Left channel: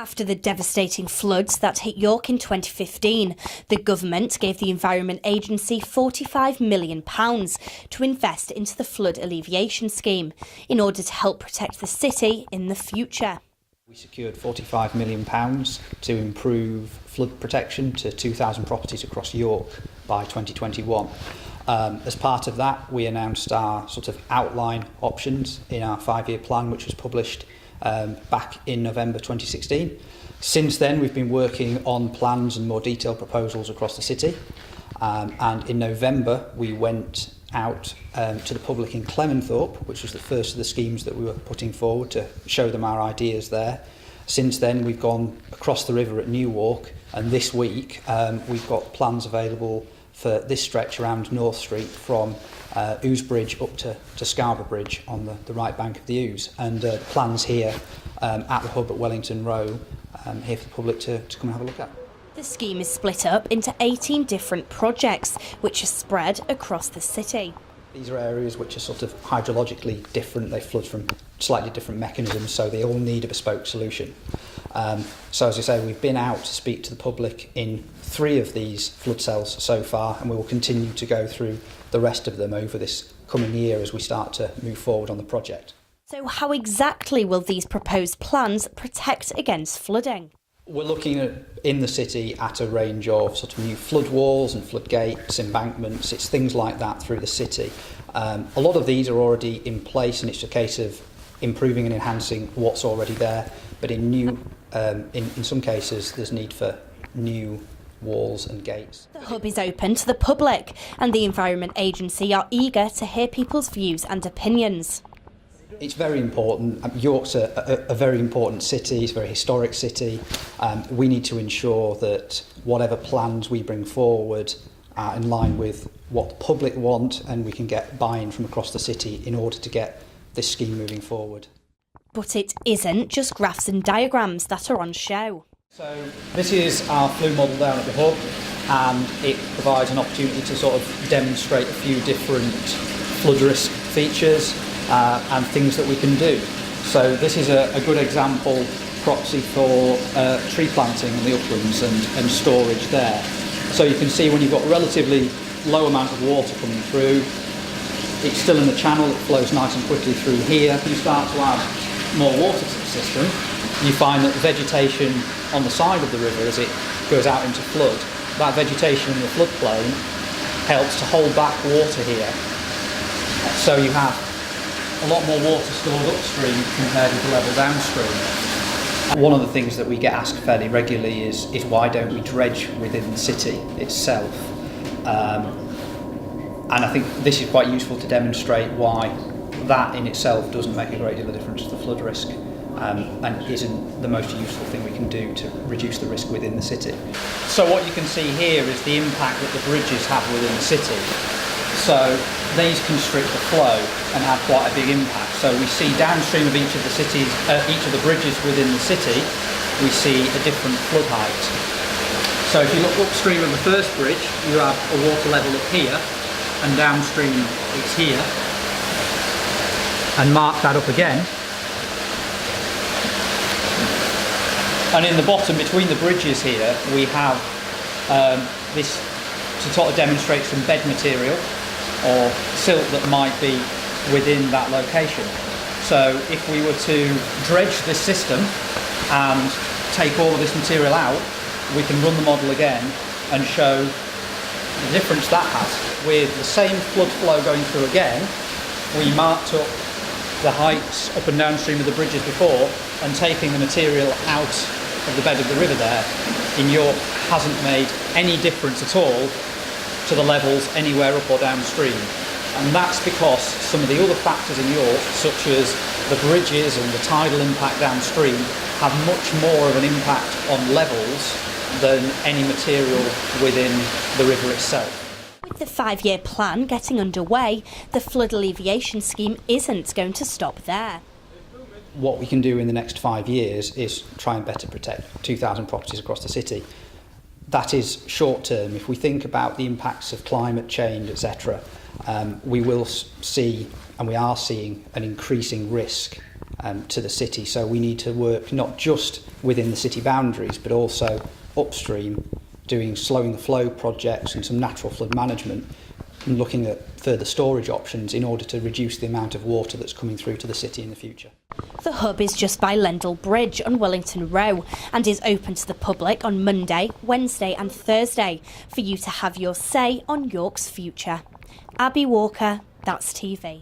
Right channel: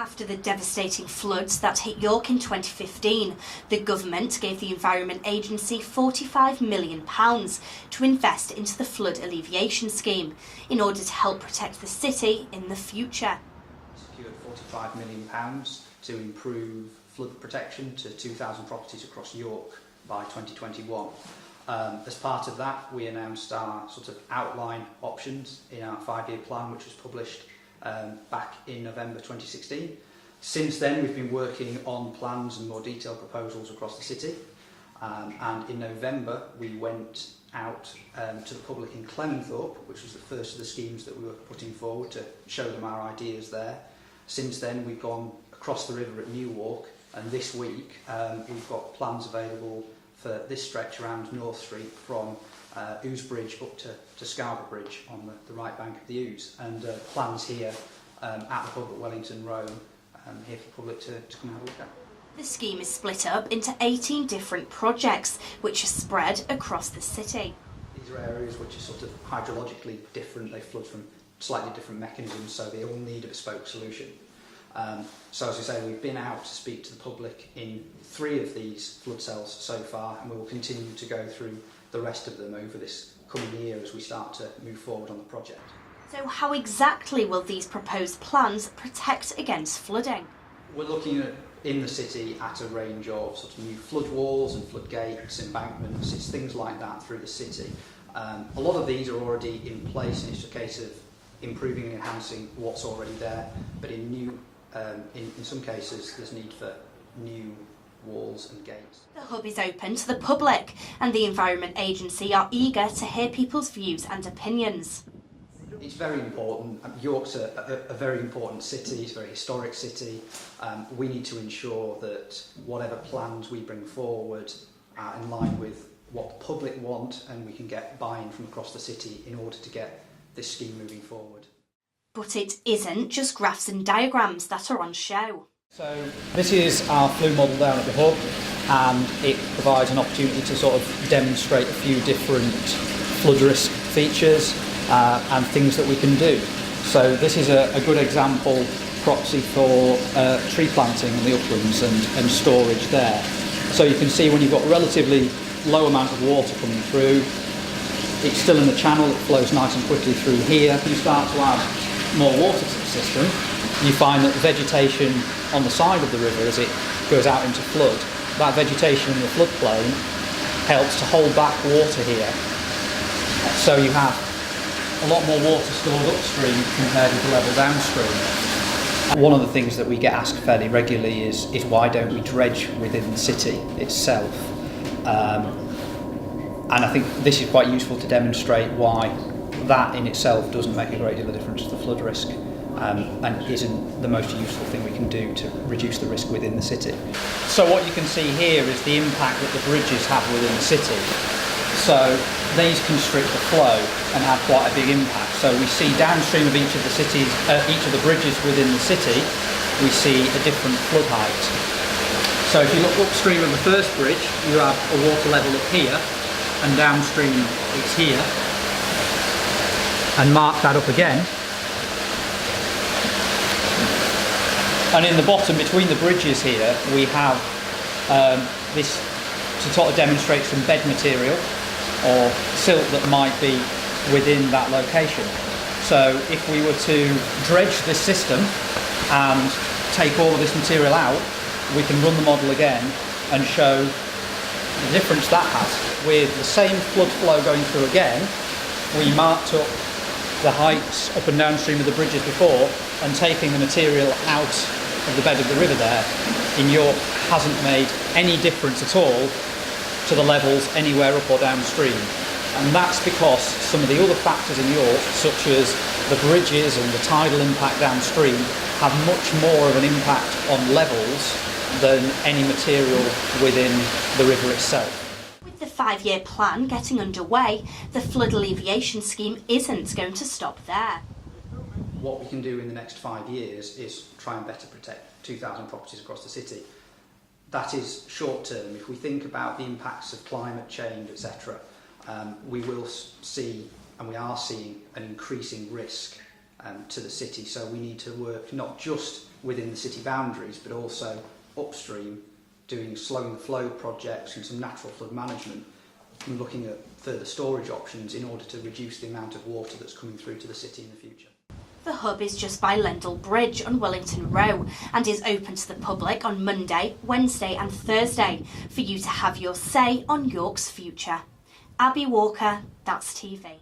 After the devastating floods that hit York in 2015, the government gave the Environment Agency £45 million to invest into the flood alleviation scheme in order to help protect the city in the future. We secured £45 million to improve flood protection to 2,000 properties across York by 2021. As part of that, we announced our sort of outline options in our 5-year plan, which was published back in November 2016. Since then, we've been working on plans and more detailed proposals across the city. And in November, we went out to the public in Clementhorpe, which was the first of the schemes that we were putting forward to show them our ideas there. Since then, we've gone across the river at Newark, and this week we've got plans available for this stretch around North Street from Ouse Bridge up to Scarborough Bridge on the right bank of the Ouse, and plans here at the hub at Wellington Row here for the public to come and have a look at. The scheme is split up into 18 different projects which are spread across the city. These are areas which are sort of hydrologically different. They flood from slightly different mechanisms, so they all need a bespoke solution. So as I say, we've been out to speak to the public in 3 of these flood cells so far, and we will continue to go through the rest of them over this coming year as we start to move forward on the project. So how exactly will these proposed plans protect against flooding? We're looking at, in the city, at a range of sort of new flood walls and flood gates, embankments. It's things like that through the city. A lot of these are already in place, and it's a case of improving and enhancing what's already there. But in some cases, there's need for new walls and gates. The hub is open to the public, and the Environment Agency are eager to hear people's views and opinions. It's very important. York's a very important city, it's a very historic city. We need to ensure that whatever plans we bring forward are in line with what the public want, and we can get buy-in from across the city in order to get this scheme moving forward. But it isn't just graphs and diagrams that are on show. So this is our flue model down at the hub, and it provides an opportunity to sort of demonstrate a few different flood risk features and things that we can do. So this is a good example proxy for tree planting in the uplands and storage there. So you can see when you've got a relatively low amount of water coming through, it's still in the channel, it flows nice and quickly through here. If you start to add more water to the system, you find that the vegetation on the side of the river as it goes out into flood, that vegetation in the floodplain helps to hold back water here. So you have a lot more water stored upstream compared with the level downstream. One of the things that we get asked fairly regularly is why don't we dredge within the city itself? And I think this is quite useful to demonstrate why that in itself doesn't make a great deal of difference to the flood risk, and isn't the most useful thing we can do to reduce the risk within the city. So what you can see here is the impact that the bridges have within the city. So these constrict the flow and have quite a big impact. So we see downstream of each of the cities, each of the bridges within the city, we see a different flood height. So if you look upstream of the first bridge, you have a water level up here, and downstream it's here. And mark that up again. And in the bottom between the bridges here, we have this to sort of demonstrate some bed material or silt that might be within that location. So if we were to dredge this system and take all of this material out, we can run the model again and show the difference that has. With the same flood flow going through again, we marked up the heights up and downstream of the bridges before, and taking the material out of the bed of the river there in York hasn't made any difference at all to the levels anywhere up or downstream. And that's because some of the other factors in York, such as the bridges and the tidal impact downstream, have much more of an impact on levels than any material within the river itself. With the 5-year plan getting underway, the flood alleviation scheme isn't going to stop there. What we can do in the next 5 years is try and better protect 2,000 properties across the city. That is short term. If we think about the impacts of climate change, etc., we will see, and we are seeing, an increasing risk to the city. So we need to work not just within the city boundaries, but also upstream, doing slowing the flow projects and some natural flood management, and looking at further storage options in order to reduce the amount of water that's coming through to the city in the future. The hub is just by Lendal Bridge on Wellington Row and is open to the public on Monday, Wednesday and Thursday for you to have your say on York's future. Abby Walker, That's TV.